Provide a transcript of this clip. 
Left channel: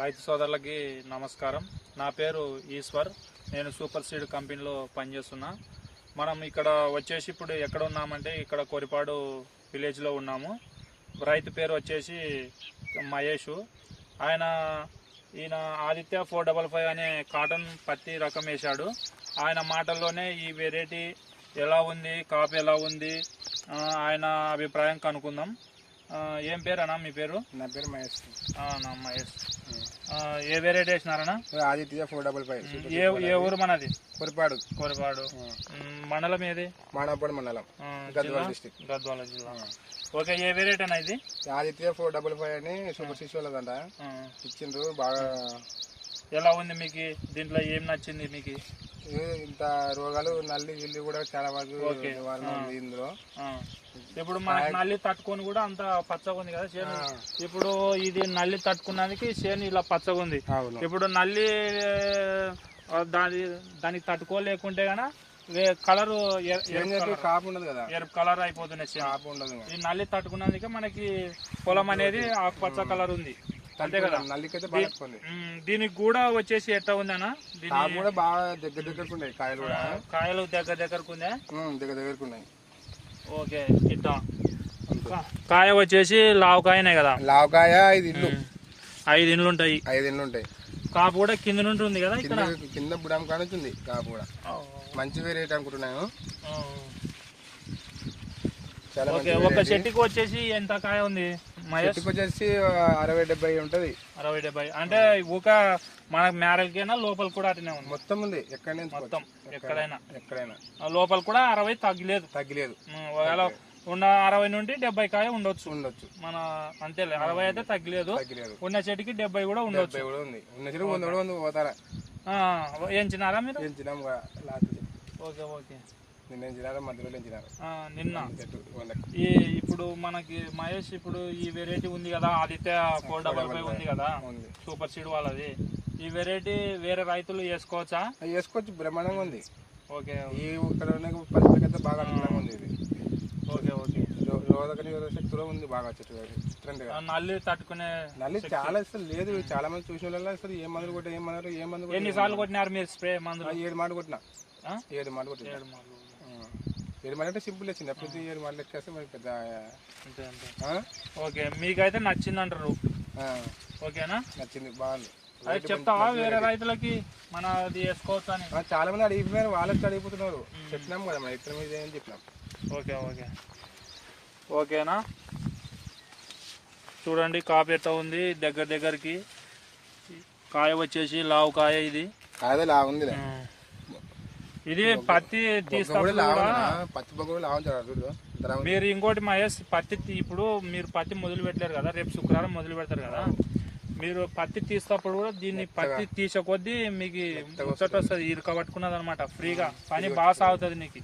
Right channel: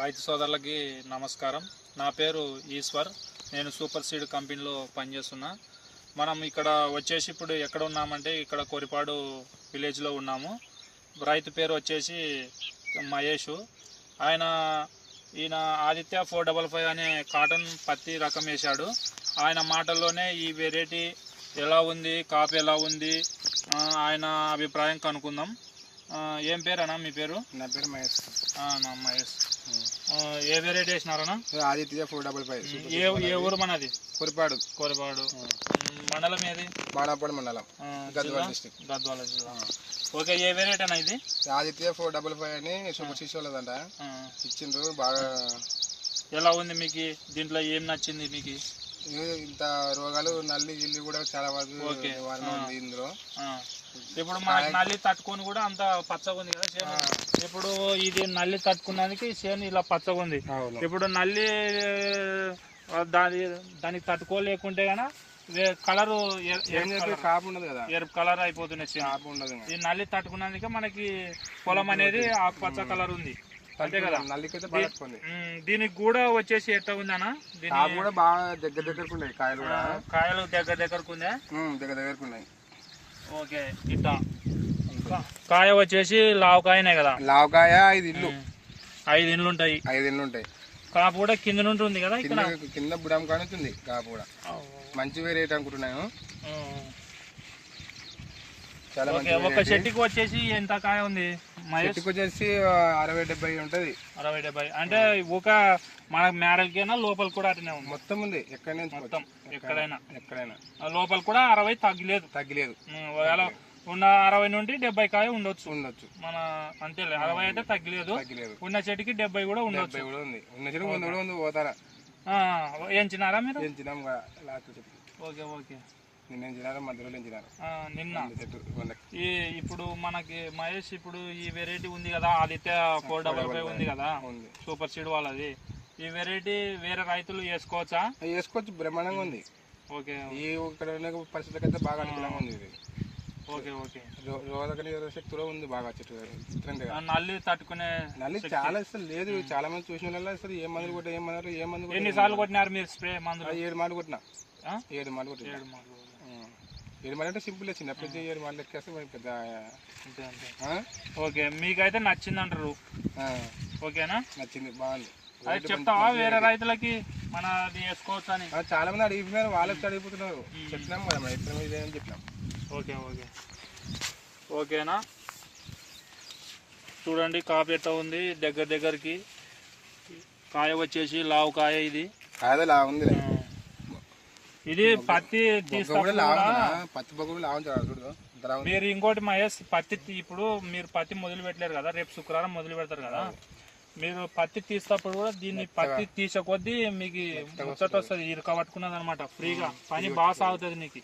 రైతు సోదరులకి నమస్కారం. నా పేరు ఈశ్వర్. నేను సూపర్ సీడ్ కంపెనీలో పనిచేస్తున్నా. మనం ఇక్కడ వచ్చేసి ఇప్పుడు ఎక్కడ ఉన్నామంటే ఇక్కడ కోరిపాడు విలేజ్లో ఉన్నాము. రైతు పేరు వచ్చేసి మహేష్. ఈయన ఆదిత్య 455 అనే కాటన్ పత్తి రకం వేశాడు. ఆయన మాటల్లోనే ఈ వెరైటీ ఎలా ఉంది, కాపు ఎలా ఉంది, ఆయన అభిప్రాయం కనుక్కుందాం. ఏం పేరు అన్నా మీ పేరు? నా పేరు మహేష్. నా మహేష్. ఏ వెరైటీ వేసినారన్నా? ఆదిత్య 455. ఏ ఊరు మనది? కోరిపాడు. మండలం ఏది? బాణాపూడి మండలం, గద్వాల డిస్ట్రిక్ట్, గద్వాల జిల్లా. ఓకే, ఏ వెరైటీ అన్న ఇది? ఆదిత్య 455 అని సూపర్ సీడ్స్ వాళ్ళదంట ఇచ్చిండ్రు. బాగా ఎలా ఉంది మీకు? దీంట్లో ఏం నచ్చింది మీకు? ఇంత రోగాలు నల్లి గిల్లి కూడా చాలా వరకు నివారణ ఉంది ఇందులో. ఇప్పుడు మనకి నల్లి తట్టుకొని కూడా అంత పచ్చగా ఉంది కదా చేను. ఇప్పుడు ఇది నల్లి తట్టుకున్నానికి చేను ఇలా పచ్చగా ఉంది. ఇప్పుడు నల్లి దానికి తట్టుకోలేకుంటే గన కలర్ కాపు ఉండదు కదా, ఎరుపు కలర్ అయిపోతున్నాయి. కాపు ఉండదు. ఈ నల్లి తట్టుకున్నందుకే మనకి పొలం అనేది ఆకుపచ్చ కలర్ ఉంది. అంతే కదా. నల్లికైతే బాగా దీనికి కూడా వచ్చేసి ఎట్లా ఉంది అన్న? కాపు కూడా బాగా దగ్గరకు ఉన్నాయి. కాయలు కూడా కాయలు దగ్గరకు ఉందా? దగ్గరకు ఉన్నాయి. ఓకే, ఇట్లా కాయ వచ్చేసి లావకాయనే కదా? లావకాయ 5 ఇండ్లు. 5 ఇండ్లు ఉంటాయి. 5 ఇండ్లు ఉంటాయి. కాపు కూడా కింద నుండి ఉంది కదా, ఇక్కడ కింద బుడం కానుతుంది. కాపు కూడా మంచి వెరైటీ అనుకుంటున్నాను. ఒక చెట్టుకి వచ్చేసి ఎంత కాయ ఉంది? చెట్టుకి వచ్చేసి 60-70 ఉంటది. 60-70 అంటే ఒక మన మేరలకైనా లోపల కూడా అట్నే ఉంది? మొత్తం ఉంది. ఎక్కడైనా మొత్తం ఎక్కడైనా లోపల కూడా 60 తగ్గలేదు. ఒకవేళ ఉన్న 60 నుండి 70 కాయ ఉండొచ్చు మన. అంతే, 60 అయితే తగ్గలేదు. ఉన్న చెట్టుకి 70 కూడా ఉండొచ్చు. ఉన్న చెట్టుకి 100 పోతారా? ఎంచినారా మీరు? ఎంచినాం. Okay okay. నిన్న ఇప్పుడు మనకి మహేష్, ఇప్పుడు ఈ వెరైటీ ఉంది కదా ఆదిత్య 455 ఉంది కదా సూపర్ సీడ్ వాళ్ళది. ఈ వెరైటీ వేరే రైతులు వేసుకోవచ్చా? వేసుకోవచ్చు, బ్రహ్మాండంగా ఉంది. ఓకే, ఈ ఇక్కడ పరిస్థితులకి అయితే బాగా అనుకూలంగా ఉంది ఇది. Okay okay. రోగనిరోధక శక్తిలో ఉంది బాగా. చెట్టు నల్లి తట్టుకునే నల్లి చాలా అసలు లేదు. చాలా మంది చూసిన వాళ్ళు అసలు ఏ మందులు కొట్టినా ఏ మందు ఎన్నిసార్లు కొట్టినారు మీరు స్ప్రే మందులు? 7 మార్లు కొట్టినా. 7 మార్లు కొట్టినా. 7 మార్లు అంటే సింపుల్. చిన్నప్పుడు 7 మార్లు ఎక్కేస్తే మనకి పెద్ద. ఓకే, మీకైతే నచ్చింది అంటారు? ఓకేనా? నచ్చింది, బాగుంది. అది చెప్తావా వేరే రైతులకి మన అది వేసుకోవచ్చు అని? చాలా మంది అడిగిపోయినారు, వాళ్ళకి అడిగిపోతున్నారు. చెప్పినాం కదా మనం చెప్పినాం. Okay okay. ఓకేనా? చూడండి కాపు ఎట్లా ఉంది. దగ్గరికి కాయ వచ్చేసి లావు కాయ. ఇది కాయ లావు ఉంది. ఇది పత్తి మీరు ఇంకోటి మహేష్, పత్తి ఇప్పుడు మీరు పత్తి మొదలు పెట్టలేరు కదా, రేపు శుక్రవారం మొదలు పెడతారు కదా. మీరు పత్తి తీసేటప్పుడు కూడా దీన్ని పత్తి తీసే కొద్దీ మీకు ముచ్చట వస్తుంది. ఇరుక పట్టుకున్నది అనమాట. ఫ్రీగా పని బాగా సాగుతుంది నీకు.